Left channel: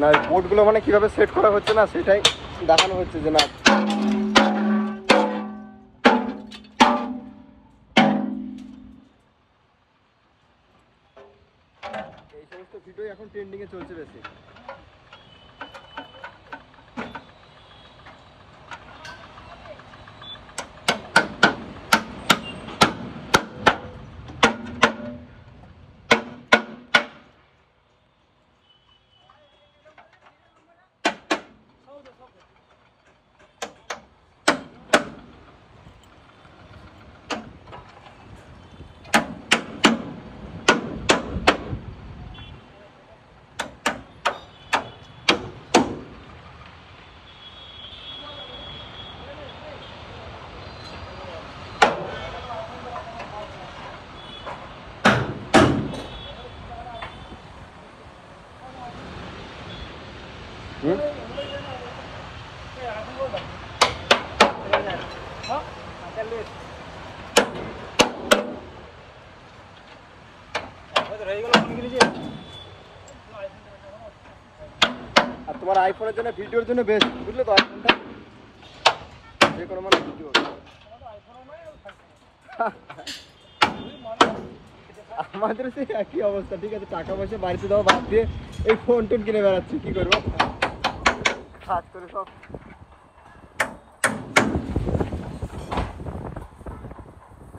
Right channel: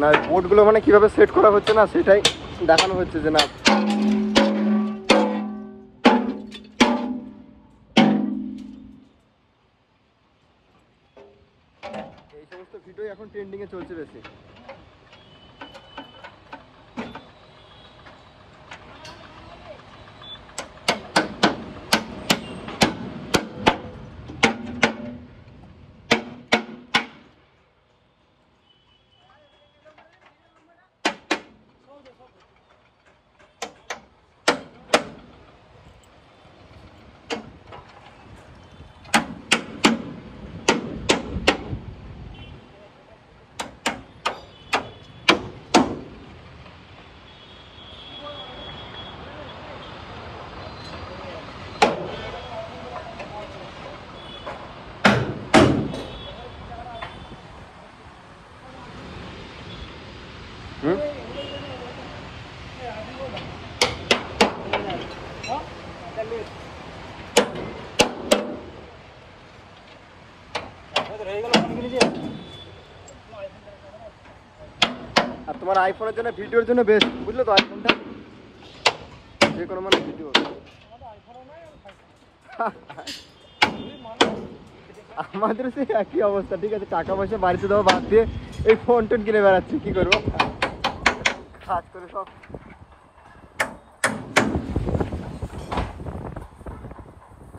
না বোর্ডগুলো মানে কিভাবে সেট করা হচ্ছে না সেটাই দেখানো হচ্ছে যে না এই সমস্ত ভিডিও এখন ট্রেন্ডিং এ চলছে বেশি। আর তোমার আইফোনের জন্য ভিডিওর জন্য বেস্ট, বুঝলে তো? আইফোনটা যে কোনো মানে ভিডিও আমাদের সে একই অবস্থা। ঠিক আছে, টাকা পয়সা বাড়িতে দেবো বাদ দিয়ে এই ফোন টোন কিনে বেড়াচ্ছি, কি করবো? কাজ করে সব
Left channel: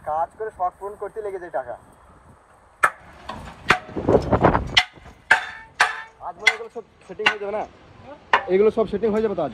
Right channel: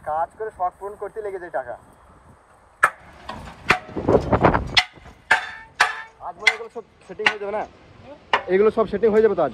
কাজ করে শখ পূরণ করতে লেগে যায় টাকা। আজ মনে এগুলো সব সেটিং হয়ে যাবে না? এগুলো সব সেটিং হয়ে যাবে তো আজ?